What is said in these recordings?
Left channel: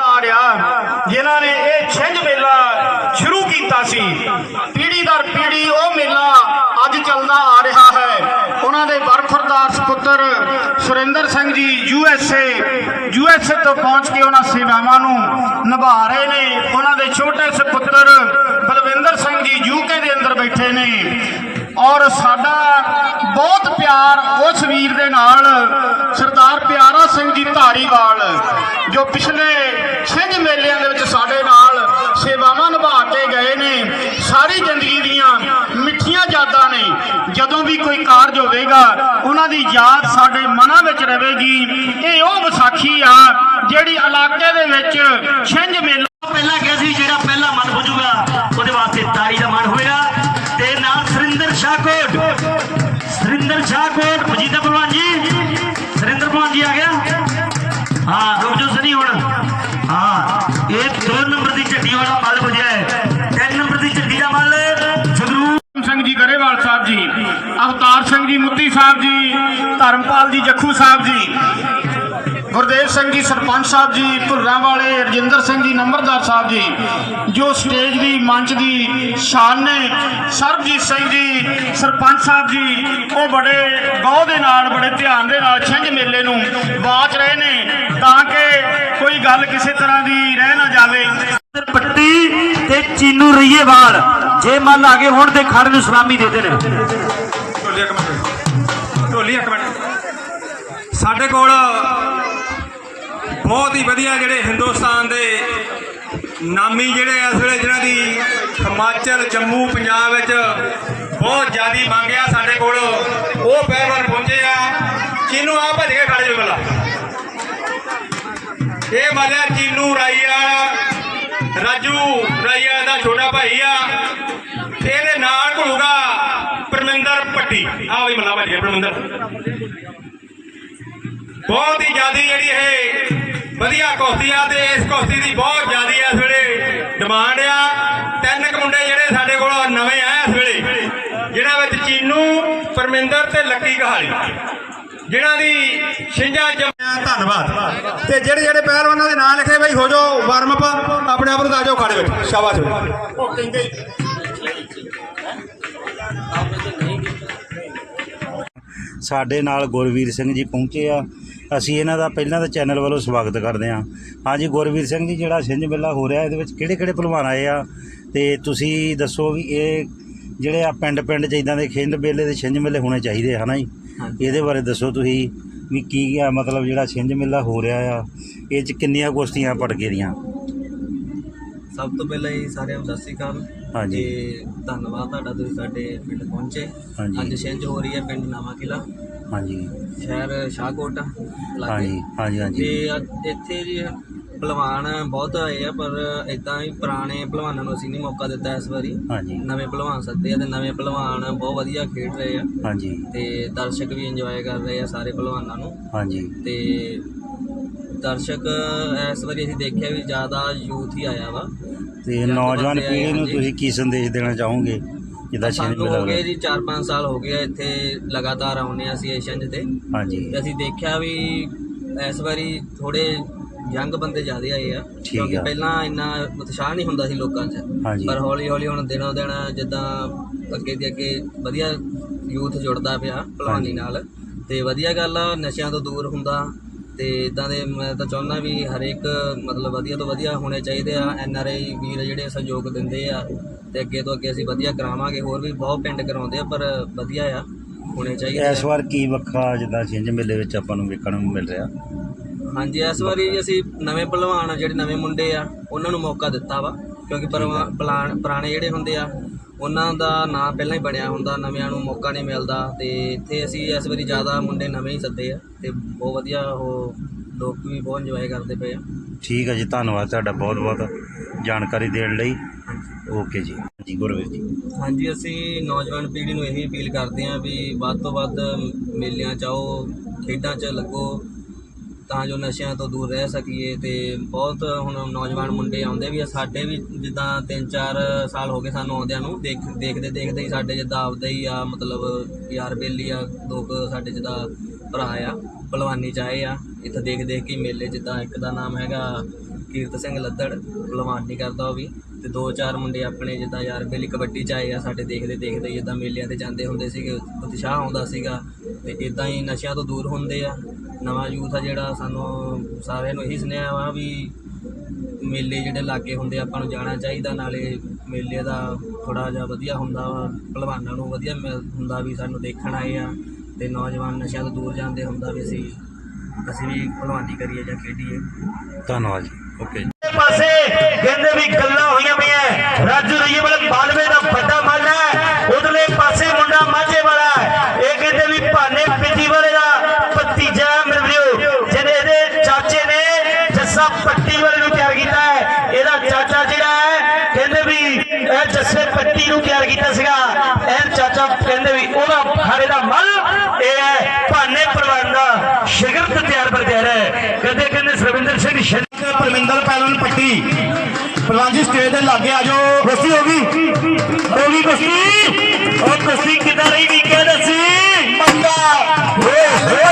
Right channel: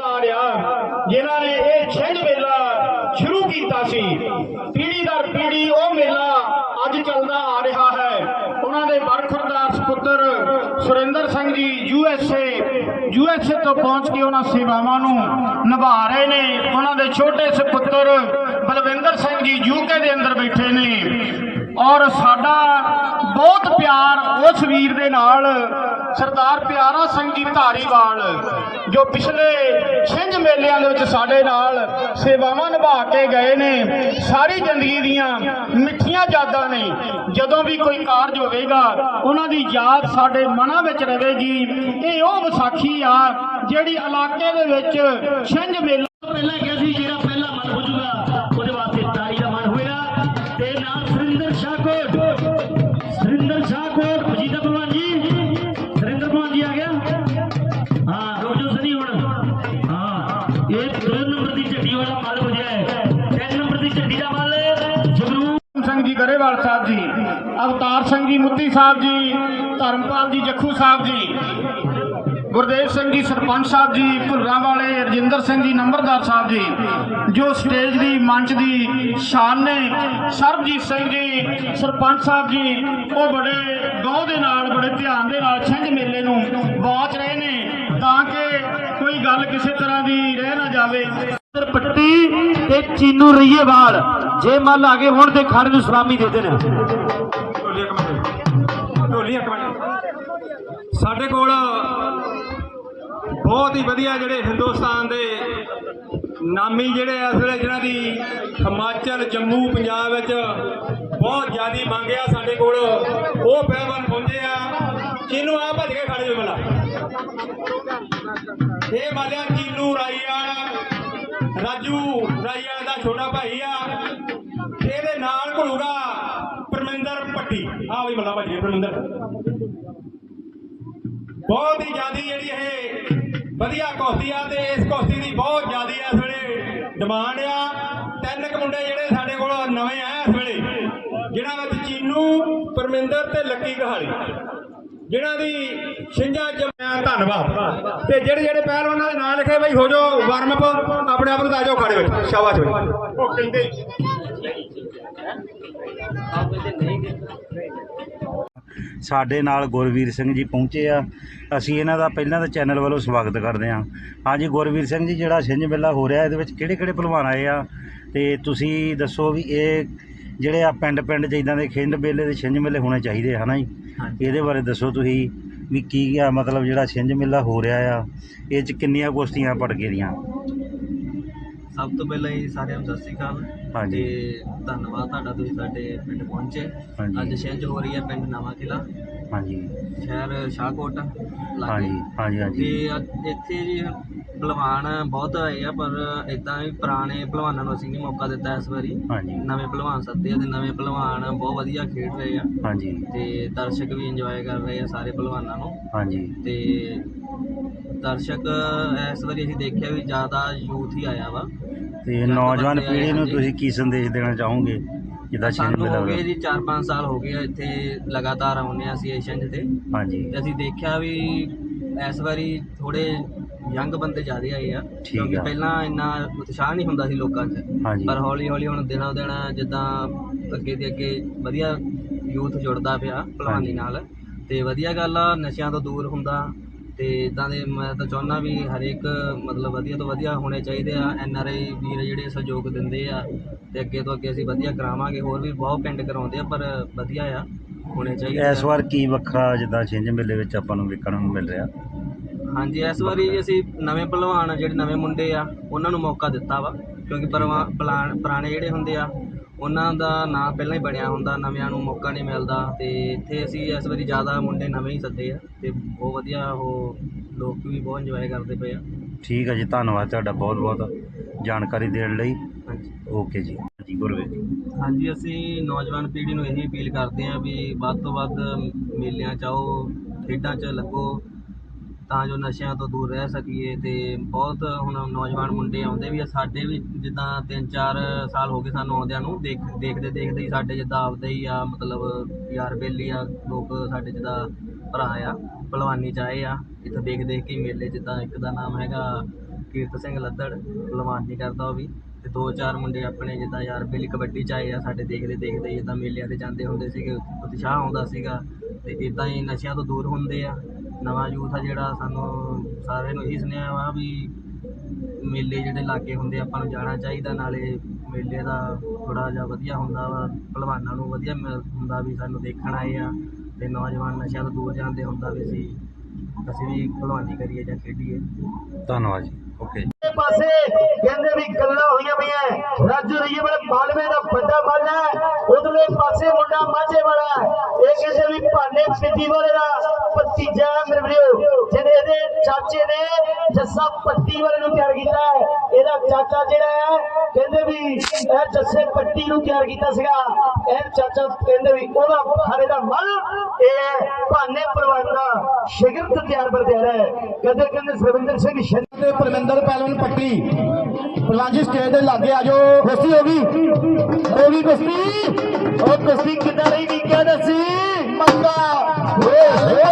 ਆ ਜਿਨ੍ਹਾਂ ਨੇ ਇਹ ਛਿੰਝ ਮੇਲਾ ਸ਼ੁਰੂ ਕੀਤਾ ਸੀ। ਪੀੜ੍ਹੀ ਦਰ ਪੀੜ੍ਹੀ ਉਹ ਮੇਲਾ ਅੱਜ ਚੱਲਦਾ ਆ ਰਿਹਾ ਹੈ। ਉਹਨਾਂ ਦੇ ਬਰਖੁਰਦਾਰ ਸੁਪੁੱਤਰ Surinder Singh ji U S A U S A ਤੋਂ ਪਹੁੰਚ ਕੇ ਉਹਨਾਂ ਸੇਵਾਵਾਂ ਨੂੰ ਨਿਭਾ ਰਹੇ ਨੇ। ਉਹਨਾਂ ਦੇ ਛੋਟੇ ਸੁਪੁੱਤਰ ਬਲਵਿੰਦਰ ਸਿੰਘ ਜੀ ਯੂਕੇ ਦੇ ਅੰਦਰ ਬੈਠੇ ਨੇ। ਔਰ ਸਾਡਾ ਬਹੁਤ ਪਿਆਰ ਉਸ ਵੀਰ ਦੇ ਨਾਲ, ਸਰਦਾਰ ਪਿਆਰਾ ਸਿੰਘ ਜੀ ਧਾਰੀਵਾਲ, ਜੋ ਪਿਛਲੇ ਛਿੰਝ ਮੇਲਿਆਂ ਦੇ ਵਿੱਚ ਸਾਡੇ ਨਾਲ ਸੇਵਾਵਾਂ ਨਿਭਾ ਕੇ ਗਏ ਨੇ। ਸਾਰੀ ਜ਼ਿੰਦਗੀ ਦੀਆਂ ਮਿੱਠੀਆਂ ਯਾਦਾਂ ਨੇ। ਜਦੋਂ ਵੀ ਕੋਈ ਕਾਰਜ ਹੋਵੇਗਾ, ਉਹਨਾਂ ਦੀ ਯਾਦ ਸਾਡੇ ਮਨਾਂ ਵਿੱਚ ਰਹੇਗੀ। ਇਹ ਉਹ ਵਿਸਾਖੀ ਆ ਜਿਹੜੀ ਇਲਾਕੇ ਦੇ ਵਿੱਚ ਛਿੰਝ ਮੇਲਾ ਪਹਿਲਾਂ ਕਿਹਾ ਸੀ, ਜਿਹੜਾ ਗਰੇਵਾਲ ਸਾਹਿਬ ਜੀ, ਅਵਤਾਰ ਸਿੰਘ ਜੀ, ਮੁੱਤੀ ਸਾਹਿਬ ਜੀ, ਧਰਮਪਾਲ ਜੀ, ਜੱਖੂ ਸਾਹਿਬ ਜੀ, ਗੁਰਦੇਵ ਸਿੰਘ ਜੀ, ਸਰਪੰਚ ਸਾਹਿਬ ਜੀ ਭੁੱਲਾਂ ਵਾਲੇ, ਰਜਿੰਦਰ ਸਿੰਘ ਜੀ, ਨੰਬਰਦਾਰ ਸਾਹਿਬ ਜੀ, ਜੋ ਸਟੇਜ ਦੀ ਮੰਚ ਦੀ ਸ਼ਾਨ ਨੇ, ਸਰਬਜੀਤ ਸਿੰਘ ਜੀ, ਸਰਪੰਚ ਸਾਹਿਬ ਜੀ, ਉਹ ਬੜੇ ਗੌਰ ਦੇ ਨਾਲ, ਬੜੇ ਧਿਆਨ ਦੇ ਨਾਲ ਛਿੰਝ ਮੇਲੇ ਨੂੰ ਬਾਚ ਰਹੇ ਨੇ, ਤਾਂ ਕਿ ਕੋਈ ਗੱਲ ਕਿਸੇ ਤਰ੍ਹਾਂ ਦੀ ਰਹਿ ਨਾ ਜਾਵੇ। ਪੱਟੀ ਤੇ ਚੀਨੂ ਰਈਏਵਾਲ ਜੇ ਮੱਲ ਗਏ ਹੁਣ ਤੇ ਖੜ ਨੂੰ ਸਲਾਮੀ ਦੇ ਦੇਣ। ਢੋਲੀ ਇੱਕ ਮਿੰਟ। ਢੋਲੀ ਇੱਕ ਮਿੰਟ। ਸਾਡੇ ਕੋਲ ਬਹੁਤ ਹੀ ਵਧੀਆ ਜਿਹੜੇ ਹਿੰਦੁਸਤਾਨ ਦੇ ਨਾਮੀ ਜਿਹੜੇ ਇਸ ਵੇਲੇ ਜਿਹਨਾਂ ਦੀ ਹਿਮਾਚਲ, ਜੰਮੂ, ਪੰਜਾਬ ਵਿੱਚ ਬਹੁਤ ਜ਼ਿਆਦੀ ਮੰਗ ਆ ਸਾਡੇ ਕੋਲ, ਉਹ ਪਹਿਲਵਾਨ ਪਹੁੰਚੇ ਆ ਚੀਨੂ ਆ ਭੱਜ ਕੇ ਖੜੇ ਜੋ ਬਲਾ। ਇਹ ਮਾਲਿਆ ਚੀਨੂ ਰਾਈਆ ਰਾਜੂ ਰਾਈਆ ਦਾ ਛੋਟਾ ਭਾਈ ਆ। ਪੱਟੀ ਆ ਵੀ ਮੱਲਾ ਭਾਜੀ ਪਰਮਿੰਦਰ ਬਹੁਤ ਹੀ ਜਿਆਦੀ ਜਿਹੜੀ ਇਹ ਵਧੀਆ ਕੁਸ਼ਤੀ ਆ ਤੇ ਇਸ ਕੁਸ਼ਤੀ ਦੀ ਬਹੁਤ ਜਿਆਦੀ ਇਸ ਵੇਲੇ ਡਿਮਾਂਡ ਆ। ਤਿੰਨ ਕੁ ਮੁੰਡੇ ਜਿਹੜੇ ਸਾਡੇ ਕੋਲ ਨਵੇਂ ਆਏ ਇਸ ਵੇਲੇ ਜਿਨ੍ਹਾਂ ਵਿੱਚ ਚੀਨੂ ਪਰਮਿੰਦਰ ਤੇ ਲੱਕੀ ਕਹਾਲੀ। ਜਿਨ੍ਹਾਂ ਦੀ ਛਿੰਝਾਂ ਜੰਮਿਆ ਧੰਨਵਾਦ। ਤੇ ਜਿਹੜੇ ਜਿਹੜੇ ਪਹਿਲਵਾਨਾਂ ਦੇ ਨਾਂ ਲਿਖੇ ਬਈ ਹੋ ਜਾਓ ਵਾਰਮ ਅਪ ਆਪਣੇ ਆਪ ਨੂੰ ਤਾਂ ਆ ਜਾਓ ਖਾੜੇ ਵਿੱਚ। ਸ਼ਾਬਾਸ਼ ਉਹ ਕਹਿੰਦੇ ਸਾਡੇ ਨਾਲ ਗੁਰਵੀਰ ਸਿੰਘ ਜੀ ਪਹੁੰਚੇ ਆ। ਅਸੀਂ ਇਹਨਾਂ ਦਾ ਪਹਿਲਾਂ ਤਾਂ ਚੈਨਲ ਵੱਲੋਂ ਸਵਾਗਤ ਕਰਦੇ ਹਾਂ। ਹਾਂਜੀ ਗੁਰਵੀਰ ਸਿੰਘ ਜੀ ਜਿਹੜਾ ਛਿੰਝ ਮੇਲਾ ਹੋ ਰਿਹਾ ਇਹਦੇ ਵਿੱਚ ਕਿਹੜੇ ਕਿਹੜੇ ਪਹਿਲਵਾਨ ਆਏ ਆ? ਤੇ ਤੁਸੀਂ ਦੱਸੋ ਵੀ ਇਹ ਜਿਹੜੇ ਆ ਪਿੰਡ ਪਿੰਡ 'ਚ ਇਦਾਂ ਦੇ ਖਿੰਡ ਮੇਲੇ ਦੇ ਛਿੰਝ ਮੇਲੇ ਹੋਣੇ ਚਾਹੀਦੇ ਹਨਾ ਜੀ? ਇਹਦੇ ਬਾਰੇ ਦੱਸੋ ਤੁਸੀਂ ਵੀ ਕੀ ਆ ਮਤਲਬ ਜਿਹੜਾ ਛਿੰਝ ਮੇਲਾ ਹੋ ਰਿਹਾ ਆ ਇਹ 'ਚ ਕਿੰਨੀਆਂ ਕੁਸ਼ਤੀਆਂ ਪਟਕੇ ਦੀਆਂ ਸਭ ਤੋਂ ਪਹਿਲਾਂ ਹੀ ਸਾਰਿਆਂ ਨੂੰ ਸਤਿ ਸ੍ਰੀ ਅਕਾਲ। ਹਾਂਜੀ। ਤੇ ਧੰਨਵਾਦ ਤੁਹਾਡਾ ਤੁਸੀਂ ਸਾਡੇ ਪਿੰਡ ਪਹੁੰਚੇ। ਹਾਂਜੀ। ਅੱਜ ਛਿੰਝ ਹੋ ਰਹੀ ਹੈ ਪਿੰਡ ਨਵਾਂ ਕਿਲਾ ਹਾਂਜੀ। ਸ਼ਹਿਰ ਸ਼ਾਹਕੋਟ ਲਾਗੇ। ਹਾਂਜੀ ਹਾਂਜੀ ਹਾਂਜੀ। ਤੇ ਅੱਜ ਇੱਥੇ ਜੀ ਪਹਿਲਵਾਨ ਬਹੁਤ ਆਏ ਆ ਪਰ ਇਦਾਂ ਹੀ ਪੁਰਾਣੇ ਪਹਿਲਵਾਨਾਂ ਨੂੰ ਅਸੀਂ ਨਹੀਂ ਮੌਕਾ ਦਿੱਤਾ ਇਸ ਵਾਰੀ। ਹਾਂਜੀ। ਨਵੇਂ ਪਹਿਲਵਾਨ ਸੱਦੇ ਆ ਤੇ ਨਵੇਂ ਪਹਿਲਵਾਨ ਬਹੁਤ ਵਧੀਆ ਖੇਡ ਰਹੇ ਆ। ਹਾਂਜੀ। ਤੇ ਦਰਸ਼ਕ ਵੀ ਇੰਜੋਏ ਕਰ ਰਹੇ ਆ ਸਾਰੇ ਪਹਿਲਵਾਨਾਂ ਨੂੰ। ਹਾਂਜੀ। ਤੇ ਦਰਸ਼ਕ ਇਸ ਵਾਰੀ ਅਸੀਂ ਦੇਖਿਆ ਵੀ ਜ਼ਿਆਦਾ ਯੂਥ ਹੀ ਆਇਆ ਵਾ। ਤੇ ਨੌਜਵਾਨ ਪੀੜ੍ਹੀ ਨੂੰ। ਤੁਸੀਂ ਕੀ ਸੰਦੇਸ਼ ਦੇਣਾ ਚਾਹੋਗੇ? ਜਿੱਦਾਂ ਛਿੰਝ ਸਾਨੂੰ ਮੇਲਾ ਹੋ ਗਏ ਜੀ 4-5 ਸਾਲ ਹੋ ਗਏ ਆ ਇੱਥੇ ਲਗਾਤਾਰ ਆਉਂਦੇ ਆ ਅਸੀਂ ਏਸ਼ੀਅਨ ਤੇ। ਹਾਂਜੀ। ਤੇ ਅਸੀਂ ਦੇਖਿਆ ਵੀ ਇਸ ਵਾਰੀ ਥੋੜੇ ਯੰਗ ਬੰਦੇ ਜ਼ਿਆਦੇ ਆਏ ਆ ਕਿਉਂਕਿ ਆ। ਪਹਿਲਾਂ ਇੰਨਾ ਉਤਸ਼ਾਹ ਨਹੀਂ ਹੁੰਦਾ ਸੀ ਲੋਕਾਂ 'ਚ। ਹਾਂਜੀ। ਪਰ ਹੌਲੀ ਹੌਲੀ ਹੁਣ ਦਿਨੋਂ ਦਿਨ ਜਿੱਦਾਂ ਅੱਗੇ ਦੀ ਅੱਗੇ ਵਧੀਆ ਯੂਥ ਜੁੜਦਾ ਪਿਆ ਭਲਵਾਨੀ ਨਾਲ। ਤੇ ਵਧੀਆ ਗੱਲ ਆ ਨਸ਼ਿਆਂ ਤੋਂ ਦੂਰ ਹੁੰਦਾ ਤੇ ਇਦਾਂ ਦੇ ਮੈਂ ਤਾਂ ਚਾਹੁੰਦਾ ਵੀ ਹਰੇਕ ਮਤਲਬ ਵਧੀਆ ਤੋਂ ਵਧੀਆ ਹੋਣੇ ਚਾਹੀਦੇ ਆ। ਐਨ ਆਰ ਆਈ ਵੀਰ ਜਿਹੜੇ ਸਹਿਯੋਗ ਦਿੰਦੇ ਆ ਤੇ ਅੱਗੇ ਤੋਂ ਅੱਗੇ ਅਸੀਂ ਵਧੀਆ ਕਰਾਵਾਂਗੇ। ਹੋਰ ਵੀ ਬਹੁਤ ਪਿੰਡ ਕਰਾਉਂਦੇ ਆ ਪਰ ਵਧੀਆ ਆ ਹੋਣੇ ਚਾਹੀਦੇ ਇਸ ਵਾਰ ਕੀ ਵੱਖਰਾ ਜਿੱਦਾਂ ਛਿੰਝ ਮੇਲੇ ਵਿੱਚ ਆਪਾਂ ਨੂੰ ਵੇਖਣ ਨੂੰ ਮਿਲ ਰਿਹਾ? ਹਾਂਜੀ ਇਸ ਵਾਰੀ ਅਸੀਂ ਨਵੇਂ ਪਹਿਲਵਾਨ ਜਿਹੜੇ ਨਵੇਂ ਮੁੰਡੇ ਆ ਉਹਨਾਂ ਨੂੰ ਮੌਕਾ ਦਿੱਤਾ ਵਾ। ਕਿਉਂਕਿ ਪਰਵਾ- ਪੁਰਾਣੇ ਜਿਹੜੇ ਹੁੰਦੇ ਆ ਉਹਨਾਂ ਦਾ ਨਾਂ ਪਹਿਲਾਂ ਹੀ ਬਣਿਆ ਹੁੰਦਾ ਨਵਿਆਂ ਨੂੰ ਮੌਕਾ ਨਹੀਂ ਮਿਲਦਾ ਤੇ ਇੱਥੇ ਅਸੀਂ ਇਸ ਵਾਰੀ ਜ਼ਿਆਦਾ ਮੁੰਡੇ ਨਵੇਂ ਹੀ ਸੱਦੇ ਆ ਤੇ ਬਹੁਤ ਵਧੀਆ ਉਹ ਲੋਕ ਵੀ ਬਹੁਤ ਇੰਜੋਏ ਕਰਦੇ ਪਏ ਆ। ਠੀਕ ਹੈ ਜੀ ਧੰਨਵਾਦ ਤੁਹਾਡਾ ਬਹੁਤ ਬਹੁਤ ਜਾਣਕਾਰੀ ਦੇਣ ਲਈ। ਓਕੇ ਜੀ। ਜੀ ਗੁਰਵੀਰ ਜੀ। ਹਾਂਜੀ ਅਸੀਂ ਨੌਜਵਾਨ ਪੀੜ੍ਹੀ ਨੂੰ ਇਹੀ ਅਪੀਲ ਕਰਦੇ ਹਾਂ ਵੀ ਵੱਧ ਤੋਂ ਵੱਧ ਮੇਲਿਆਂ 'ਚ ਆਓ ਖੇਡਾਂ 'ਚ ਲੱਗੋ ਤਾਂ ਜੋ ਨਸ਼ਿਆਂ ਤੋਂ ਦੂਰ ਰਹਿ ਸਕੀਏ ਤੇ ਬਹੁਤ ਹੁਣ ਨੌਜਵਾਨ ਮੁੰਡੇ ਆਉਂਦੇ ਵੀ ਆ। ਸਾਡੇ ਵੀ ਜਿੱਦਾਂ 3-4 ਸਾਲ ਹੋ ਗਏ ਸਾਨੂੰ ਆਉਂਦਿਆਂ ਨੂੰ, ਦੇਖ, ਦੇਖਦੇ ਦੇਖਦੇ ਹੀ ਸਾਡੇ ਜਿੱਦਾਂ ਆਪਦਾ ਹੀ ਆ, ਮਤਲਬ ਯਾਰ ਬੇਲੀ ਆ ਲੋਕ ਸਾਡੇ ਜਿੱਦਾਂ ਭਰਾ ਆ, ਭਲਵਾਨੀ ਚ ਆਏ ਆ। ਇੱਥੇ ਦੇਖ ਦੇਖ ਕੇ ਮੇਲੇ ਜਿੱਦਾਂ ਇੱਕ ਦਾ ਨਾਮ ਹੈਗਾ ਕੀਰਤ ਸਿੰਘ ਲੱਦੜ, ਭਲਵਾਨੀ ਕਰਦਾ ਉਹ ਵੀ। ਤੇ ਦੋ ਚਾਰ ਮੁੰਡੇ ਆਪਣੇ ਜਿੱਦਾਂ ਯਾਰ ਬੇਲੀ ਕਬੱਡੀ ਚ ਆਏ ਆ, ਸਾਡੇ ਦੇਖਦੇ ਦੇਖਦੇ ਹੀ ਜਿੱਦਾਂ ਮੇਲਿਆਂ ਤੇ ਜਾਂਦੇ ਹੁੰਦੇ ਸੀਗੇ, ਉਤਸ਼ਾਹ ਆਉਂਦਾ ਸੀਗਾ। ਤੇ ਇਦਾਂ ਹੀ ਨਸ਼ਿਆਂ ਤੋਂ ਦੂਰ ਹੁੰਦੇ ਆ। ਨਵਾਂ ਯੂਥ ਆ ਜਿਹੜਾ ਸਾਨੂੰ ਸਾਰਿਆਂ ਨੂੰ ਇਹੀ ਸੁਨੇਹਾ ਵਾ ਵੀ ਮੇਲੇ ਜਿਹੜੇ ਲਾਗੇ ਹੁੰਦੇ ਆਪਾਂ ਨੂੰ ਜਾਣਾ ਚਾਹੀਦਾ ਨਾਲੇ ਮੇਲੇ ਦਾ ਥੋੜਾ ਜਿਹਾ ਵਧੀਆ ਹੁੰਦਾ ਵਾ ਭਲਵਾਨਾਂ ਨੂੰ ਵਧੀਆ ਮਿਲ- ਹੁੰਦਾ ਵੀ ਸਾਨੂੰ ਦੇਖਣ ਆਏ ਆ ਤੇ ਨੌਜਵਾਨ ਨਸ਼ਿਆਂ ਤੋਂ ਦੂਰ ਜਾਂਦੇ ਹੁੰਦਾ ਵੀ ਅਸੀਂ ਅਸੀਂ ਵੀ ਭਲਵਾਨੀ ਕਰੀਏ ਜਾਂ ਖੇਡੀਏ। ਧੰਨਵਾਦ ਜੀ ਓਕੇ ਪਾਸੇ ਕਹਿੰਦੇ ਵੀ ਗੱਲਾਂ ਹੋਈਆਂ ਪਈਆਂ ਰਾਜੂ ਰਈਏ ਵਾਲੇ ਇਹ ਜੱਸੇ ਪੱਟੀ ਨੂੰ ਤਿਆਰ ਕੀਤਾ ਸੀਗਾ। ਇਹ ਚਾਚਾ ਕਹਿੰਦੇ ਵੀ ਉਹਦਾ ਹਾਰੇ ਦਾ ਮੱਲ ਇਹ ਹੈ ਭਾਨੇ ਪਰਿਵਾਰ ਦਾ ਸ਼ਗਿਰਦ ਤਿਆਰ ਪਰ ਤਿਆਰ ਹੈ। ਕਹਿੰਦੇ ਕਹਿੰਦੇ ਸਰਵਿੰਦਰ ਸਿੰਘ ਸ਼ਰ ਤੇ ਪਰਮਿੰਦਰ ਪੈਲਨ ਪੱਟੀ। ਪ੍ਰਵਾਨਜੀ ਸਟੇਜ ਦੇ ਲਾਗੇ ਆ ਜਾਓ। ਕੁਸ਼ਤੀ ਹੋ ਗਈ? ਹੋ ਗਈ ਕੁਸ਼ਤੀ? ਉਹ ਕੁਸ਼ਤੀ ਕਿਦਾਂ ਰਹੀ ਵੀ ਕਹਿ ਦੱਸੀ? ਮੰਗਾ। ਓਏ ਹੋਏ।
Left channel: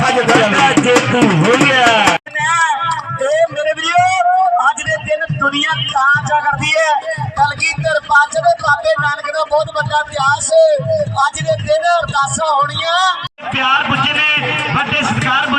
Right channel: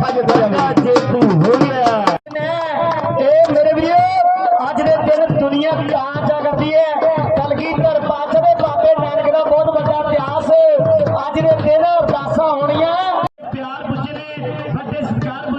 ਫਜ ਜੇ ਤੂੰ ਹੋ ਗਿਆ। ਬਾਬੇ ਨਾਨਕ ਦਾ ਬਹੁਤ ਵੱਡਾ ਇਤਿਹਾਸ। ਅੱਜ ਦੇ ਦਿਨ ਅਰਦਾਸਾਂ ਹੋਣੀਆਂ। ਪਿਆਰ ਪੁੱਜੇ ਨੇ, ਵੱਡੇ ਸਤਿਕਾਰ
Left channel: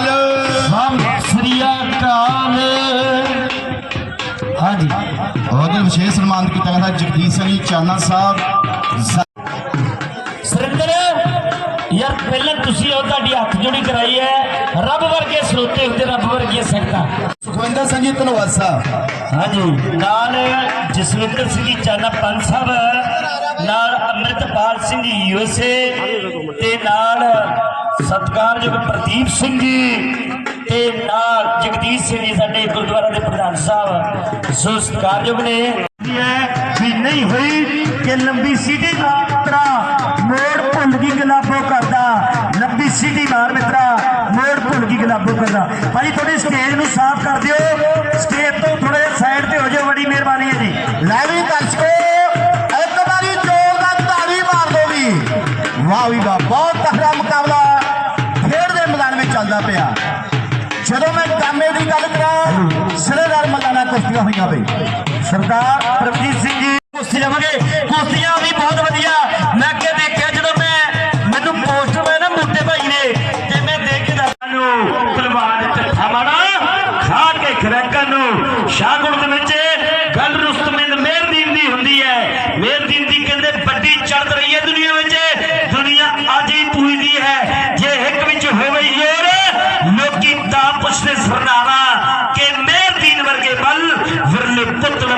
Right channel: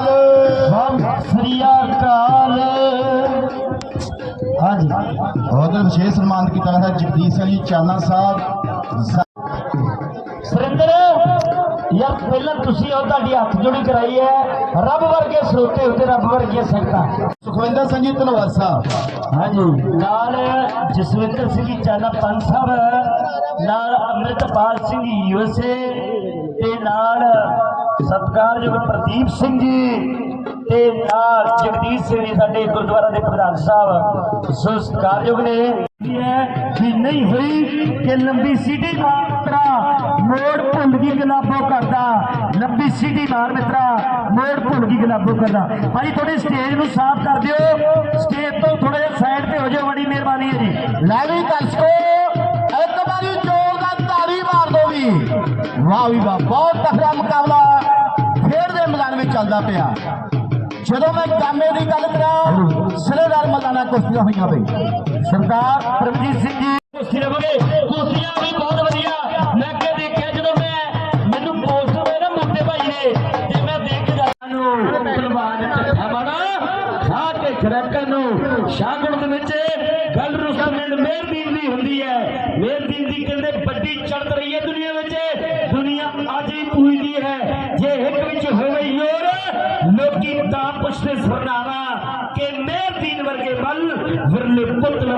ਅਕਾਲ। ਸਤਿ ਸ੍ਰੀ ਅਕਾਲ। ਹਾਂਜੀ। ਬਹੁਤ ਵਿਸ਼ੇਸ਼ ਸਨਮਾਨ ਕੀਤਾ ਗਿਆ ਜਗਦੀਸ਼ ਸਿੰਘ ਚਾਨਾ ਸਾਹਿਬ। ਸੁਰਿੰਦਰ ਯਾਰ ਪਹਿਲਾਂ ਤੁਸੀਂ ਉਹ ਤੁਹਾਡੀ ਹੱਥ ਜੋੜੀ ਕਰਾਈ ਹੈ। ਰੱਬ ਵਰਗੇ ਸਰੋਤੇ ਹੁੰਦੇ ਰੱਬ ਵਰਗੀਆਂ ਸੰਗਤਾਂ। ਸੁਖਵਿੰਦਰ ਸਿੰਘ ਜੀ ਧਨਵਾਸਾ ਹਾਂਜੀ। ਨਾਲ ਜਸਵਿੰਦਰ ਸਿੰਘ ਜੀ ਚਾਨਾ ਪੰਜ ਸਾਹਿਬ। ਨਾਲ ਅੰਮ੍ਰਿਤਪਾਲ ਸਿੰਘ ਯੂਐਸਏ ਤੇ ਨਾਲ ਸਤਿਕਾਰਯੋਗ ਪ੍ਰਦੀਪ ਸਿੰਘ ਜੀ ਤੇ ਨਾਲ ਜਗਦੀਸ਼ ਸਿੰਘ ਜੀ ਸਾਡੇ ਗੁਰਦੁਆਰਾ ਦੇ ਪ੍ਰਧਾਨ ਸਾਹਿਬ। ਸੋ ਸਤਿਕਾਰਯੋਗ ਨੇ ਹੈ ਵੀ ਨਹੀਂ ਹੋਈ ਕਿ ਲੰਬੀ ਸੀਟੀ ਦਾ ਮਿੱਤਰਾ ਮੋੜ ਭੁੱਲ ਗਈ ਗੁਲਾਬੋ ਕਰਦਾ। ਲੰਬੀ ਸੀਟੀ ਮਾਰ ਮਿੱਤਰਾ ਮੋੜ ਭੁੱਲ ਗਈ ਗੁਲਾਬੋ ਕਰਦਾ। ਭਾਈ ਥੋੜੀ ਸਟੇਜ ਨੂੰ ਸਾਫ਼ ਕਰ ਦਿਓ। ਕਾਮੇ ਦੀ ਗੱਲ ਕਰਾਂ ਸਿਰੇਦਾਰ ਮੈਦਾਨਾਂ ਕੁਸ਼ਤੀਆਂ ਹੋਈਆਂ ਬਈ ਸਰਦਾਰ ਪ੍ਰਭਜੀਤ ਸਿੰਘ ਜੀ, ਕੁਸ਼ਤੀ ਲਵਾਂਗੇ ਕੁਸ਼ਤੀਆਂ ਵੀ ਬਹੁਤ ਵਧੀਆ।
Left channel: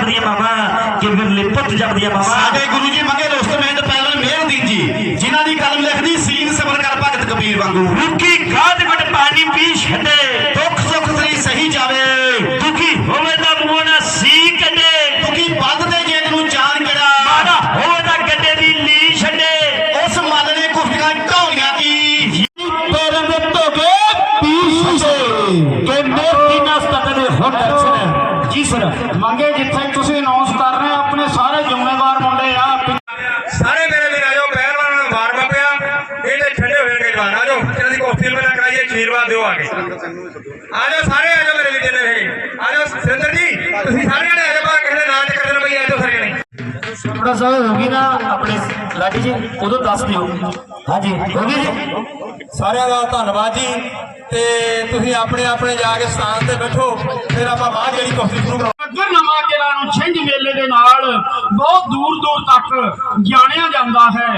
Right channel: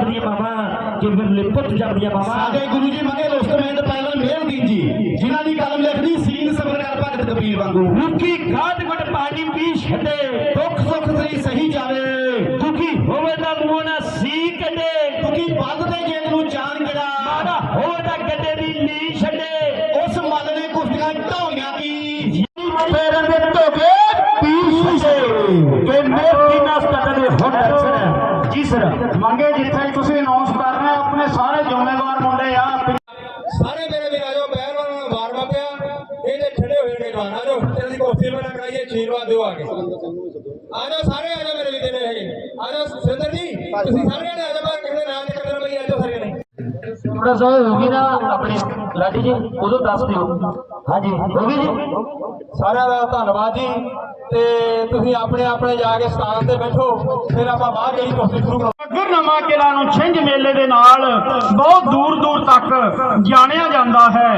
ਪੁੱਤ ਲੱਭਦੀਆਂ ਮਾਵਾ ਕਿ ਵਿਰਲੇ ਪੁੱਤ ਜਪਦੀਆਂ ਮਾਵਾ ਸਾਡੇ ਗੁਰੂ ਜੀ ਮੰਗੇ ਰੁਸਤਮੇਂਦ ਪਹਿਲਵਾਨ ਮਿਹਰਦੀਨ ਜੀ। ਜਿਨ੍ਹਾਂ ਦੀ ਕਲਮ ਲਿਖਦੀ ਸੀਨ ਸਬਰ ਕਰ ਭਗਤ ਕਬੀਰ ਵਾਂਗੂ। ਰੁੱਖੀ ਖਾਦ ਗੁੱਟ ਪਾਣੀ ਪੀ ਛੱਡੇ। ਦਰਸ਼ਨ ਜੀ ਸਰ ਮੰਗੇ ਜਿੱਥੇ ਤੁਸੀਂ ਅਨਾਉਂਸ ਕਰ ਰਹੇ ਹੋ ਆਪਣੇ ਸਾਰੇ ਜ਼ਿੰਮੇਵਾਰ ਮੁੰਡੇ ਆ ਸਾਰੇ ਮੇਰੇ ਵੀਰ ਆਜੋ ਪਹਿਲਵਾਨ ਨੂੰ ਮਾਰ ਪਿਆ ਇਹਦੇ ਠੰਡੇ ਹੋਏ ਨੇ ਜਵਾਨ ਆਜੋ ਇਹਨਾਂ ਦੀ ਕੋਫੀ ਮੇਰਾ ਕਰਾਈਏ ਆਸ਼ੀਰਵਾਦ ਦਿਓ ਆ ਕੇ। ਆਜੋ ਸਾਰੇ ਆਜੋ ਮੇਰੇ ਵੀਰ ਨੇ। ਹੈਗੇ ਆਜੋ ਸਿੰਦਰ ਜੀ ਤੁਸੀਂ ਸਾਰੇ ਆਜੋ ਥੋੜਾ ਸਾ ਹੋਗੀ ਨਾ ਆਪਣੇ ਲਾਡੀ ਜੀ ਉਦੋਂ ਦੱਸ ਦਿਓ। ਹਾਂਜੀ ਹੋ ਗਈ ਜੀ। ਸਾਰਿਆਂ ਦਾ ਧੰਨਵਾਦ ਜੀ। ਤੇ ਤੁਸੀਂ ਆਪਣੇ ਆਪਣੇ ਜਾ ਕੇ ਸਥਾਨ ਤੇ ਬੈਠੋ ਫਿਰ ਆਪਾਂ ਬਾਅਦ ਜਿਹੜੀ ਕੋਫੀ ਸ਼ੁਰੂ ਕਰਾਂਗੇ। ਗੁਰਨਮਾ ਕਿਲਾ ਨੂੰ ਛਿੰਝ ਮੇਲੇ ਦੇ ਨਾਲ ਬਹੁਤ ਦੂਰ ਦੂਰ ਤੱਕ ਜਾਣਿਆ ਜਾਂਦਾ ਹੈ।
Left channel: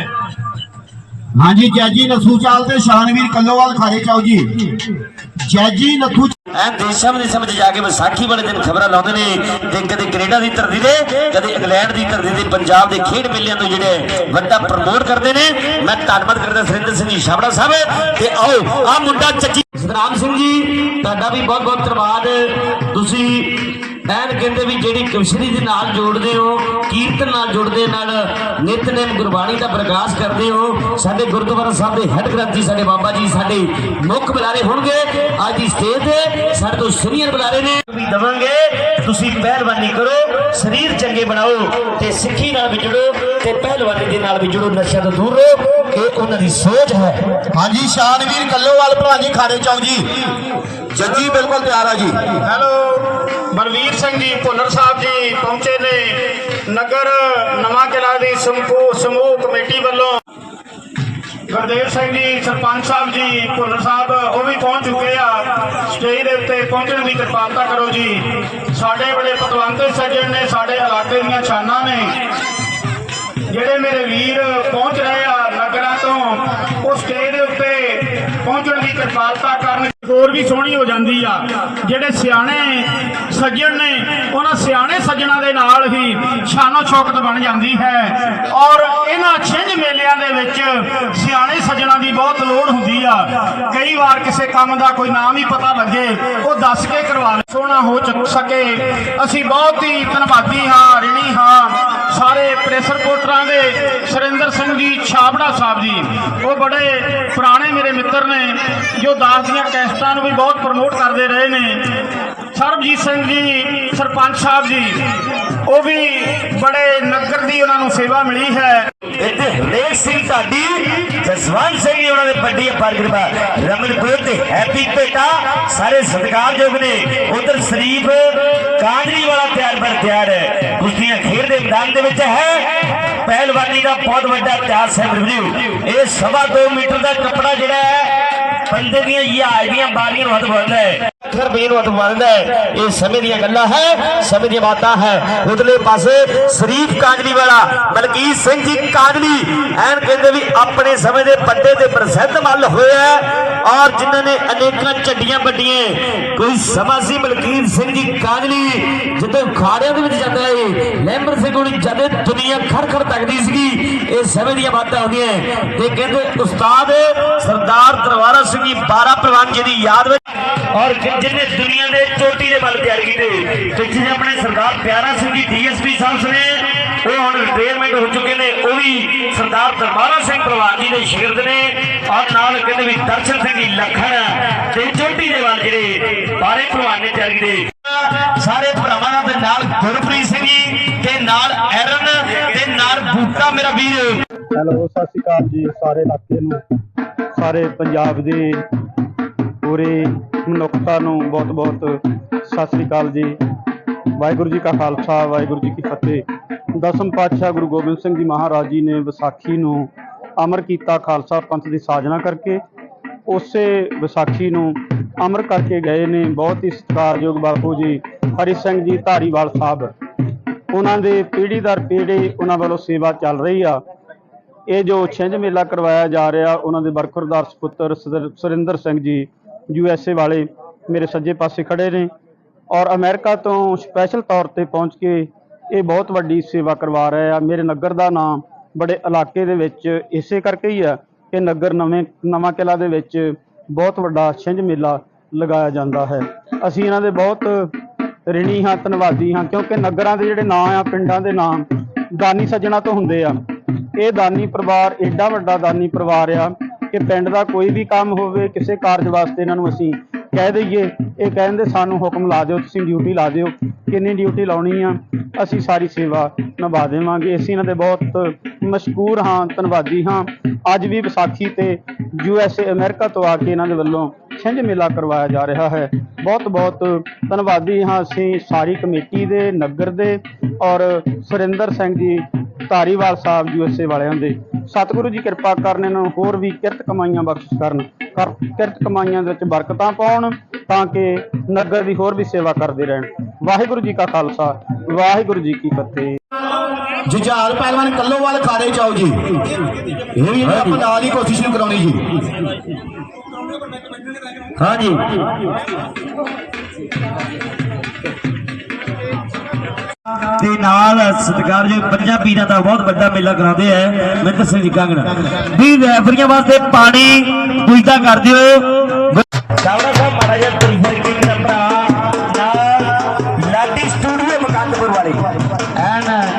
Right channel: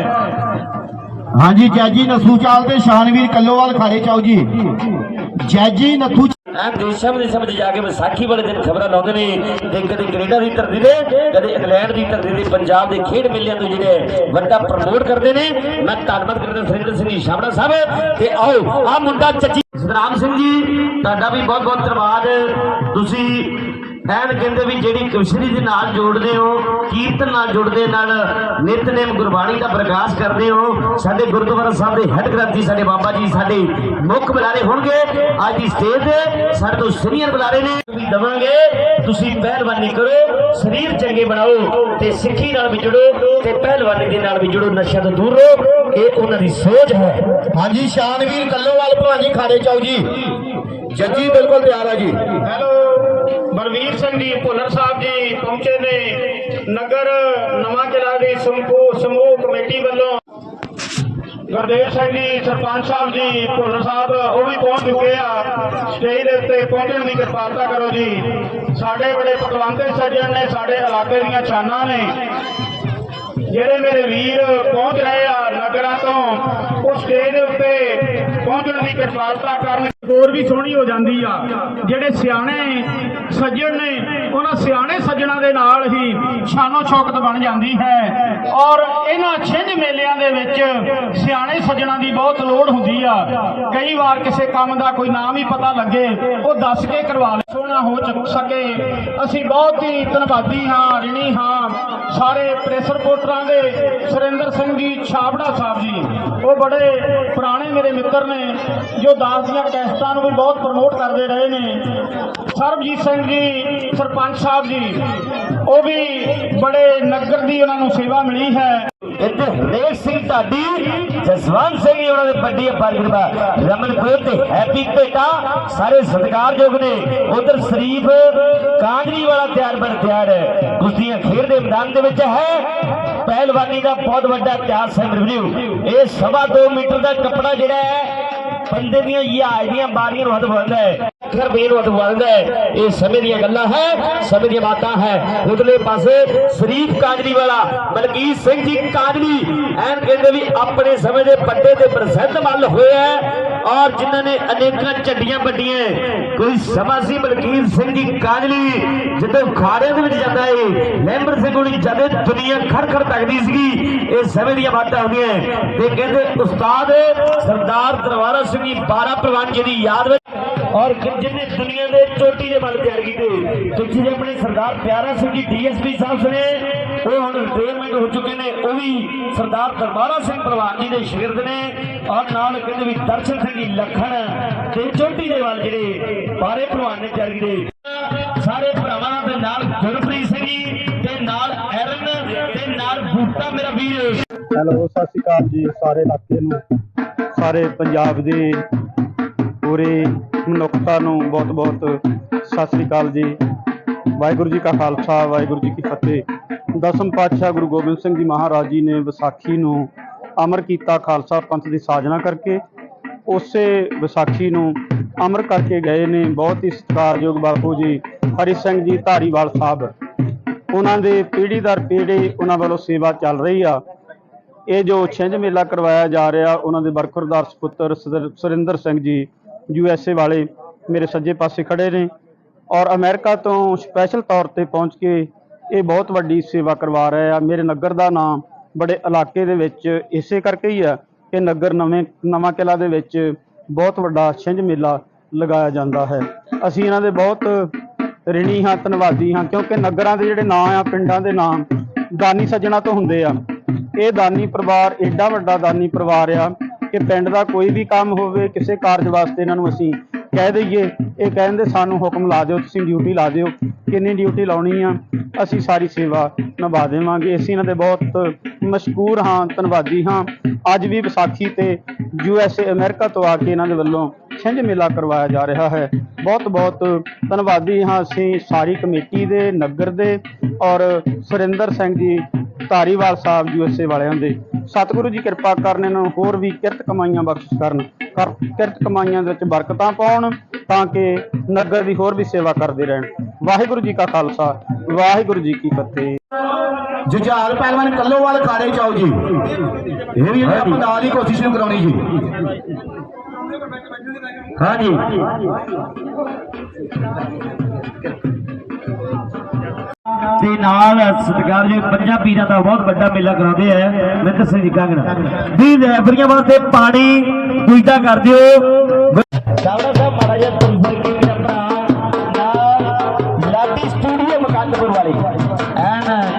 ਹਾਂਜੀ ਜੈਜੀ ਨਸੂ ਚਾਲ ਤੇ ਸ਼ਾਨਵੀਰ ਕੱਲੋਵਾਲ ਖਾਰੇ ਚਾਓ ਜੀ। ਜੈਜੀ ਨਥੂ ਐਨ ਦੇਸ਼ਾਂ ਵਿਦੇਸ਼ਾਂ ਵਿੱਚ ਜਾ ਕੇ ਵਿਸਾਖੀ ਵਾਲੇ ਦਿਨ ਖਬਰਾਂ ਲਾਉਂਦੇ ਨੇ। ਤੇ ਕਦੇ ਕੈਨੇਡਾ ਦੀ ਧਰਤੀ ਦੇ ਕਦੇ ਇੰਗਲੈਂਡ ਦੀ ਧਰਤੀ ਦੇ ਪੰਜਾਬ ਦੇ ਖੇਡ ਮੇਲਿਆਂ ਤੋਂ ਜਿਹੜੇ ਵੱਡਾ ਪ੍ਰਮੋਟ ਕਰਦੇ ਨੇ। ਮੈਂ ਧੰਨਵਾਦ ਕਰਦਾ ਸੁਰਿੰਦਰ ਸਿੰਘ ਜੀ, ਛਾਬੜਾ ਸਾਹਿਬ। ਤੇ ਆਓ ਆ ਮੁੰਡਾ ਚੱਚੀ ਸਤਨਾਮ ਸਿੰਘ ਜੀ, ਤੁਹਾਡਾ ਵੀ ਬਹੁਤ ਬਹੁਤ ਧੰਨਵਾਦ। ਤੁਸੀਂ ਐਨ ਕਹਿੰਦੇ ਵੀ ਜਿਹੜੀ ਕਵਿਸ਼ਰੀ ਦੇ ਨਾਲ ਜੋੜਦੇ ਹੋ ਕੀਰਤਨ ਨਾਲ ਜੁੜਦੇ ਨਾਲ ਨਿਤਨੇਮ ਗੁਰਬਾਣੀ ਦਾ ਪ੍ਰਕਾਸ਼ ਕਰਦੇ ਹੋ ਸਾਡੇ ਗੁਰਦੁਆਰਾ ਸਾਹਿਬ ਦੇ ਹੈੱਡ ਗ੍ਰੰਥੀ ਸਾਡੇ ਬਾਬਾ ਜੀ ਸਾਡੇ ਮੁੱਖ ਬੁਲਾਰੇ ਹੋਣਗੇ। ਅੱਜ ਦੀ ਸਟੇਜ ਤੇ ਸਾਡੇ ਤੋਂ ਸੀਨੀਅਰ ਬੁਲਾਰੇ ਨੇ। ਵੀ ਦਵਾਂਗੇ ਤੁਸੀਂ ਪਹਿਲਵਾਨੀ ਕਰੋ ਸਰੀਰ ਚੰਗੇ ਬਣਾਓ ਤੇ ਸਿੱਖੀ ਨਾਲ ਵੀ ਜੁੜੋ ਤੇ ਪਹਿਲਵਾਨੀ ਦੇ ਨਾਲ ਵੀ ਜੁੜੋ ਨਸ਼ਿਆਂ ਤੋਂ ਦੂਰ ਰਹੋ। ਇਹ ਉਹਨਾਂ ਦੀ ਸੋਚ ਹੈ। ਹਾਂਜੀ ਸ਼ਾਨਵੀਰ ਕੱਲੋਵਾਲ ਭਲਵਾਨ ਜੀ ਖਾੜੇ ਚਾਓ ਜੀ। ਜੱਜੀ ਬਿਲਕੁਲ ਤਿਆਰ ਆ ਜੀ। ਹੈਲੋ। ਬਲਵੀਰ ਸਿੰਘ ਜੀ ਭੁੱਲਰ ਸਾਹਿਬ ਜੀ ਪਹੁੰਚੇ ਨੇ ਨਗਰ ਨਵਾਂ ਕਿਲਾ ਦੀ ਸਮੂਹ ਸਮੂਹ ਕਮੇਟੀ ਵੱਲੋਂ। ਗੁਰਦੇਵ ਸਿੰਘ ਜੀ, ਸਰਪੰਚ ਸਾਹਿਬ ਜੀ, ਭੁੱਲਰ ਸਾਹਿਬ, ਉਹ ਵੀ ਪਹੁੰਚ ਚੁੱਕੇ ਆ। ਸਟੇਜ ਦੇ ਉੱਤੇ ਪਹੁੰਚਣ ਦੀ ਕਿਰਪਾਲਤਾ ਕਰੋ ਜੀ। ਸਾਡੇ ਬੜੇ ਪਤਵੰਤੇ ਸੱਜਣ ਨੇ, ਸਾਡੇ ਇਲਾਕੇ ਦੀਆਂ ਛਾਨਾਂ ਨੇ। ਜਿਹੜੇ ਮੇਰੇ ਵੀਰ ਪਹੁੰਚ ਰਹੇ ਆ ਨਗਰਾਂ ਤੋਂ, ਉਹ ਸਟੇਜ ਦੇ ਉੱਤੇ ਪਹੁੰਚਣ ਦੀ ਕਿਰਪਾਲਤਾ ਕਰਨ ਹੋਰ ਵੀ ਸੋਹਣੀ ਹੋ ਜਾਂਦੀ ਆ। ਜਿਹੜੇ ਸਿਆਣੇ ਸੱਜਣ ਨੇ, ਉਹਨਾਂ ਸਿਆਣੇ ਸੱਜਣਾ ਦੇ ਨਾਲ ਹੀ ਸ਼ਾਨੋ ਸ਼ੌਕਤ ਬਣ ਜਾਂਦੀ ਹੈ। ਔਰ ਇਹਨਾਂ ਛਿੰਝ ਮੇਲਿਆਂ ਦੇ ਵਿੱਚ ਸਿਆਣੇ ਸੱਜਣਾ ਦੀ ਬਹੁਤ ਲੋੜ ਹੁੰਦੀ ਆ। ਕਈ ਵਾਰ ਕਿਸੇ ਕੰਮ ਦਾ ਕੋਈ ਨਾਮ ਹੀ ਪਤਾ ਲੱਗੇ, ਉਹ ਦੱਸ ਕੇ ਕਰਵਾ ਲੈ। ਸੋਹਣਾ ਹੋ ਚੱਕ ਸਕੇ। ਅਸੀਂ ਬਹੁਤ ਹੀ ਧੰਨਵਾਦੀ ਹਾਂ, ਰਿਣੀ ਹਾਂ, ਸਾਰੇ ਪ੍ਰੈਸ ਰਿਪੋਰਟਰਾਂ ਦੇ, ਸੁਰਿੰਦਰ ਸਿੰਘ ਜੀ, ਛਾਬੜਾ ਸਾਹਿਬ ਜੀ। ਉਹ ਬੜੇ ਪੁਰਾਣੇ ਮੇਰੇ ਮਿੱਤਰ ਨੇ, ਜੋ ਦਾਸ ਦੀਆਂ ਕੈਸਟਾਂ ਨੂੰ ਵੀ ਬਹੁਤ ਪ੍ਰਮੋਟ ਕਰਦੇ ਰਹੇ ਨੇ। ਸਰਬਜੀਤ ਸਿੰਘ ਜੀ, ਸਰਪੰਚ ਸਾਹਿਬ ਜੀ, ਉਹ ਵੀ ਬੜੇ ਨਗਰ ਦੀ ਉਹਨਾਂ ਨੂੰ ਸੇਵਾ ਮਿਲੀ ਹੈ। ਇੱਥੇ ਹਰਨੇਕ ਸਿੰਘ ਢਾਡੀ, ਜਸਵੰਤ ਸਿੰਘ ਜੀ ਉਹਨਾਂ ਦੇ ਵੱਡੀ ਅਪਾਰ ਕਿਰਪਾ ਤੇ ਹੈਪੀ ਭੇਟਾ, ਸਾਰੇ ਸਤਿਕਾਰਯੋਗ ਨੇ। ਉਧਰ ਸ਼ਰੀਫ ਕਾਂਜਰੀ ਵਾਲਾ ਤਿਆਰ ਬਰ ਤਿਆਰ ਹੈ। ਕੁਸ਼ਤੀਆਂ ਖੇਡ ਦੇ ਮੈਦਾਨ ਦੇ ਵਿੱਚ ਹੈ। ਪਹਿਲਵਾਨੀ ਦਾ ਬਹੁਤ ਵੱਡਾ ਇਤਿਹਾਸ ਹੈ ਰਿਵਿਊ ਇਹ ਸਵਾ 2 ਮੀਟਰ ਦਾ ਕੱਪੜਾ ਜਿਹੜਾ ਹੈ बंदे भी ये आदमियां बारियां बहुत बहुत है 60 ਰੁਪਏ ਨੂੰ ਅਤਵਾ ਦਿੰਦਾ ਹੈ। ਇਹ ਸਮੇਂ ਦੀਆਂ ਗੱਲਾਂ ਹੈ, ਸਮੇਂ ਦੀਆਂ ਬਾਤਾਂ ਹੈ। ਉਧਰਲੇ ਪਾਸੇ ਸ਼ਰੀਫ ਕਾਜਲੀ ਵਾਲਾ ਮਲਕੀਤ ਸਿੰਘ ਜੀ ਕਾਜਲੀ ਐਨ ਕਹਿੰਦੇ ਵੀ ਆਪਣੇ ਸਮੇਂ ਦੇ ਵੱਡੇ ਤੇ ਪ੍ਰਸਿੱਧ ਮੱਲ ਹੋਇਆ ਔਰ ਜਿਨ੍ਹਾਂ ਨੇ ਅਨੇਕਾਂ ਝੱਡੀਆਂ ਵੱਡੀਆਂ ਕੋਈ ਸਮਾਂ ਸੀ ਸਿੰਘ ਜੀ ਕਾਜਲੀ ਜਦੋਂ ਖਾਰਿਆਂ ਦੇ ਵਿੱਚ ਜਾਂਦਾ ਏ, ਲੈਂਬਰ ਸਿੰਘ ਕੋਲ ਜਦੇ ਦੁਨੀਆ ਖੜਖੜ ਤੱਕਦੀ ਸੀਗੀ, ਇਹ ਸਮੇਂ ਦੀਆਂ ਬਾਤਾਂ ਹੁੰਦੀਆਂ ਤੇ ਕਹਿੰਦੇ, ਉਸਤਾਦ, ਸਰਦਾਰ ਦਰਬਾਰਾ ਸਿੰਘ ਜੀ 12 ਪ੍ਰਵਾਨ ਜੀ ਦੀ ਯਾਦ ਵਿੱਚ ਔਰ ਜਿਹਨੇ ਦੁਨੀਆ ਦੇ ਚੋਟੀ ਦੇ ਵੱਲ ਤਿਆਰ ਕੀਤੇ। ਤੇ ਜਿਹਨੇ ਆਪਣੇ ਸਰਦਾਰ ਪਿਆਰਾ ਸਿੰਘ ਜੀ ਡੀਐਸਪੀ ਸਾਹਿਬ ਨੇ ਉਹ ਹੁਣ ਰਿਟਾਇਰਮੈਂਟ ਹੋ ਚੁੱਕੇ ਨੇ, ਉਹ ਵੀ ਸਰਦਾਰ ਦਰਬਾਰਾ ਸਿੰਘ ਪ੍ਰਵਾਨ ਜੀ ਦੇ ਸ਼ਾਗਿਰਦ ਨੇ। ਔਰ ਨਾਲ ਕਹਿੰਦੇ ਵੀ ਦਰਸ਼ਨ ਸਿੰਘ ਜੀ ਲੱਖਣ ਤੇ ਚੋਟੀ ਦੇ ਵੱਲ ਜਿਹੜੇ ਬਾਰੇ ਪ੍ਰਵਾਨ ਨੇ ਤਿਆਰ ਕੀਤੇ। ਸਾਰੇ ਭਰਾਵਾਂ ਦੇ ਨਾਲ ਗੁਰਪ੍ਰੀਤ ਸਿੰਘ ਜੀ ਤੇ ਨਾਲ ਐਰਨ ਤੇ ਨਾਲ ਬੂਟਾ ਮੇਰਾ ਵੀਰ। ਹੈਲੋ, ਸਤਿ ਸ਼੍ਰੀ ਅਕਾਲ ਜੀ ਸਾਰੇ ਇਲਾਕੇ ਨੂੰ। ਸਾਰੇ ਪੰਜਾਬ ਦੇ ਪੂਰੇ ਮਨੁੱਖਤਾ ਨੂੰ ਬਹੁਤ ਬਹੁਤ ਸਤਿ ਸ਼੍ਰੀ ਅਕਾਲ ਜੀ। ਵਾਹਿਗੁਰੂ ਜੀ ਕਾ ਖਾਲਸਾ, ਵਾਹਿਗੁਰੂ ਜੀ ਕੀ ਫਤਿਹ। ਦਸਮ ਪਾਤਸ਼ਾਹ ਗੁਰੂ ਗੋਬਿੰਦ ਸਿੰਘ ਜੀ ਮਹਾਰਾਜ ਜੀ ਨੇ ਵਿਸਾਖੀ ਨੂੰ ਅਮਰ ਕੀਤਾ ਖਾਲਸਾ ਪੰਥ ਦੀ ਸਾਜਨਾ ਕਰਕੇ। ਉਸੇ ਵਿਸਾਖੀ ਨੂੰ ਅਮਰ ਕਰਕੇ ਗਏ ਨੇ ਬਹੁਤ ਹੀ ਸਤਿਕਾਰਯੋਗ ਬਾਪੂ ਜੀ ਹਰੀ ਸਿੰਘ ਜੀ ਧਾਰੀਵਾਲ ਸਾਹਿਬ। ਉਹਨਾਂ ਦੇ ਪੀੜ੍ਹੀ ਦਰ ਪੀੜ੍ਹੀ ਉਹਨਾਂ ਵੱਲੋਂ ਸੇਵਾ ਚੱਲ ਰਹੀ ਆ। ਇਹ ਜੋ ਛਿੰਝ ਮੇਲਾ ਕਰਵਾਇਆ ਜਾ ਰਿਹਾ, ਉਹਨਾਂ ਦੇ ਬਰਖੁਰਦਾਰ ਸੁਪੁੱਤਰ ਸਦਰ- ਸੁਰਿੰਦਰ ਸਿੰਘ ਜੀ ਯੂ ਐਸ ਏ ਵਾਲੇ ਮੇਰੇ ਸੱਜੇ ਪਾਸੇ ਖੜੇ ਨੇ ਔਰ ਅਮਰੀਕਾ ਤੋਂ ਸਪੈਸ਼ਲ ਤੌਰ ਤੇ ਪਹੁੰਚ ਕੇ ਇਹ ਬਹੁਤ ਵੱਡੀ ਸੇਵਾ ਕਰਵਾ ਰਹੇ ਆ। ਮੇਰੇ ਨਗਰ ਦਾ ਨਾਮ ਬੜੇ ਇਲਾਕੇ ਦੇ ਵਿੱਚ ਇਸੇ ਕਰਕੇ ਹੀ ਆ ਕਿ ਨਗਰ ਨਵੇਂ, ਨਵਾਂ ਕਿਲਾ ਦੇ ਵਿੱਚ ਬਹੁਤ ਵੱਡਾ ਛਿੰਝ ਮੇਲਾ ਲਗਾਇਆ ਜਾਂਦਾ ਹੈ। ਅਸੀਂ ਇਹਨਾਂ ਦੇ ਬਹੁਤ ਰਿਣੀ ਹਾਂ, ਧੰਨਵਾਦੀ ਹਾਂ, ਕਿਉਂਕਿ ਨਗਰਾਂ ਦੇ ਜਿਹੜੇ ਨਾਂ ਆ, ਪਿੰਡਾਂ ਦੇ ਨਾਂ ਦਾਨੀ ਸੱਜਣਾ ਤੋਂ ਹੁੰਦੇ ਆ। ਇਹ ਦਾਨੀ ਪਰਿਵਾਰ, ਏਡਾ ਵੱਡਾ ਦਾਨੀ ਪਰਿਵਾਰ ਆ ਕਿ ਪਿੰਡ ਦਾ ਕੋਈ ਵੀ ਕੰਮ ਹੋਵੇ, ਕਿਸੇ ਕਾਰਜ ਵਾਸਤੇ ਇਹਨਾਂ ਨੂੰ ਅਸੀਂ ਕਹਿ ਦਈਏ। ਇਹ ਕਹਿੰਦੇ ਸਾਨੂੰ ਹੁਕਮ ਲਾ ਦਿਓ, ਤੁਸੀਂ ਡਿਊਟੀ ਲਾ ਦਿਓ। ਕਿੰਨੀ ਡਿਊਟੀ ਲਾਉਣੀ ਆ, ਅਸੀਂ ਸਾਰੀ ਸੇਵਾ ਨਿਭਾ ਦੇਵਾਂਗੇ। ਅਸੀਂ ਇਹਨਾਂ ਦੇ ਬਹੁਤ ਮਸ਼ਕੂਰ ਹਾਂ, ਧੰਨਵਾਦੀ ਹਾਂ। ਅੱਜ ਵੀ ਵਿਸਾਖੀ ਤੇ ਯੂ ਐਸ ਏ ਅਮਰੀਕਾ ਤੋਂ ਆ ਕੇ ਇਹਨਾਂ ਦੇ ਵੱਲੋਂ ਛਿੰਝ ਮੇਲਾ ਕਰਵਾਇਆ ਜਾ ਰਿਹਾ ਹੈ। ਬਹੁਤ ਬਹੁਤ ਧੰਨਵਾਦੀ ਹਾਂ ਅਸੀਂ ਸਾਰੀ ਕਮੇਟੀ ਦੇ, ਨਗਰ ਦੇ ਔਰ ਸੁਰਿੰਦਰ ਸਿੰਘ ਜੀ ਧਾਰੀਵਾਲ ਸਾਹਿਬ ਐਸ ਏ ਵਾਲਿਆਂ ਦੇ ਸਤਿਗੁਰੂ ਜੀ ਕਿਰਪਾ ਕਰਨ ਇਹਨਾਂ ਨੂੰ ਹੋਰ ਵੀ ਕਿਰਤ ਕਮਾਈਆਂ ਬਖਸ਼ਿਸ਼ ਕਰਨ। ਕਰ ਕਿਰਤ ਕਮਾਈਆਂ ਦੇ ਵਿੱਚ ਬਰਕਤਾਂ ਪਾਉਣ ਤਾਂ ਕਿ ਨਗਰ ਦੀ ਹੋਰ ਵੀ ਸੇਵਾ ਕਰਦੇ ਰਹਿਣ। ਵਾਹਿਗੁਰੂ ਜੀ ਕਾ ਖਾਲਸਾ ਵਾਹਿਗੁਰੂ ਜੀ ਕੀ ਫਤਿਹ। ਜੁਝਾਰ ਪਹਿਲਵਾਨ ਕੱਲੋਵਾਲ ਖਾੜੇ ਚਾਓ ਜੀ। ਇਹ ਵੀ ਆਪਾਂ ਨਾਲ ਹੀ ਕੋਸ਼ਿਸ਼ ਨੂੰ ਕਰਾਉਣੀ ਜੀ। ਹਾਂਜੀ। ਤੇ ਨਾਲ ਸਤਿਕਾਰਯੋਗ ਪੰਜਾਂ ਪੀਰਾਂ ਦਾ ਬਹੁਤ ਵੱਡਾ ਮੇਲਾ ਕਰਾਉਂਦੇ ਆ। ਮਿੰਦਰ ਸਿੰਘ ਜੀ ਕਾਂਗੜਾ ਵੀ ਰੈਫਰੀਆਂ ਵਾਸਤੇ ਪਾਣੀ ਪੁੱਜਦਾ ਕਰ ਦਿਓ।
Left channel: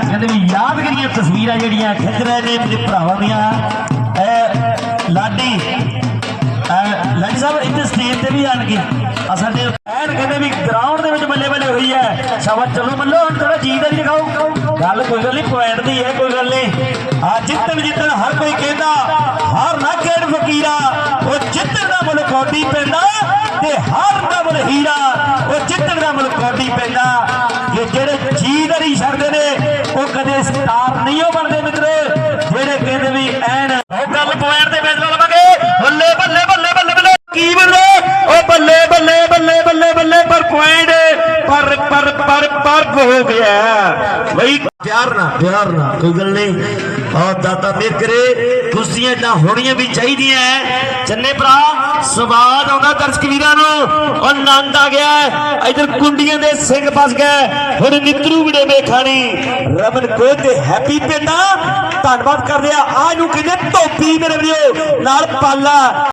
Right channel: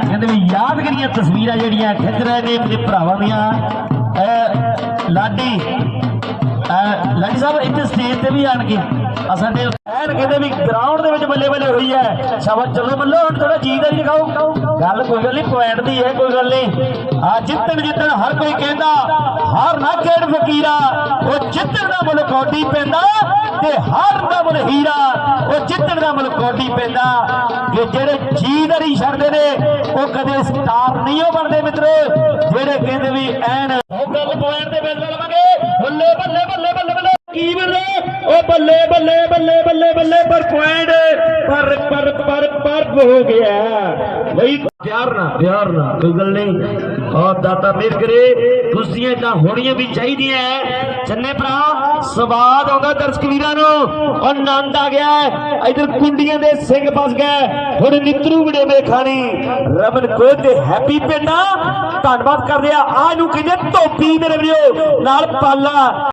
ਕਹਿੰਦੇ ਵੀ ਯਾਦਗਾਰੀਆਂ ਤਸਵੀਰਾਂ ਜਿਹੜੀਆਂ ਖਿੱਚ ਰਹੇ ਨੇ ਮੇਰੇ ਭਰਾਵਾਂ ਦੀਆਂ। ਲਾਡੀ ਲਾਡੀ ਸਾਹਿਬ ਇੱਥੇ ਸਟੇਜ ਤੇ ਵੀ ਆਣਗੇ। ਪੁਆਇੰਟ ਪਰ ਪਰ ਪਰ ਪਰ ਹੋ ਗਿਆ। ਬਈ ਪਿਆਰ ਨਾ ਪਿਆਰ ਨਾ ਕੋਈ ਗੱਲ ਨਹੀਂ। ਆ ਦਾਤਾ ਮੇਰ ਕਰੇ ਕੁਸ਼ਤੀਆਂ ਤਾਂ ਹੋਣੀਆਂ ਵੀ ਚਾਹੀਦੀਆਂ ਚੰਨੇ ਭਰਾ, ਸਵਾਦ ਆਉਂਦਾ ਦਰਸ਼ਕ ਵੀਰਾਂ ਨੂੰ। ਆਨੰਦ ਆ ਗਿਆ ਹੈ। ਇੱਧਰ ਕੁੰਡੀਆਂ ਦੇ ਸਿੰਘ ਫਸ ਗਏ। ਹੁਣ ਨਿਤਰੂ ਵਿੜੇ ਵੇਖਾਣੀ। ਰਮਨ ਕੋਹ ਤੇ ਹੈਪੀ ਪਿੰਡਾ ਧੰਨਵਾਦ ਕਰਦੇ ਆ ਆ ਨੂੰ ਕਹਿੰਦੇ ਧੋਪੀ ਮੇਰੇ ਵੀਰੋ। ਨਾਲ ਪਾਲਾ।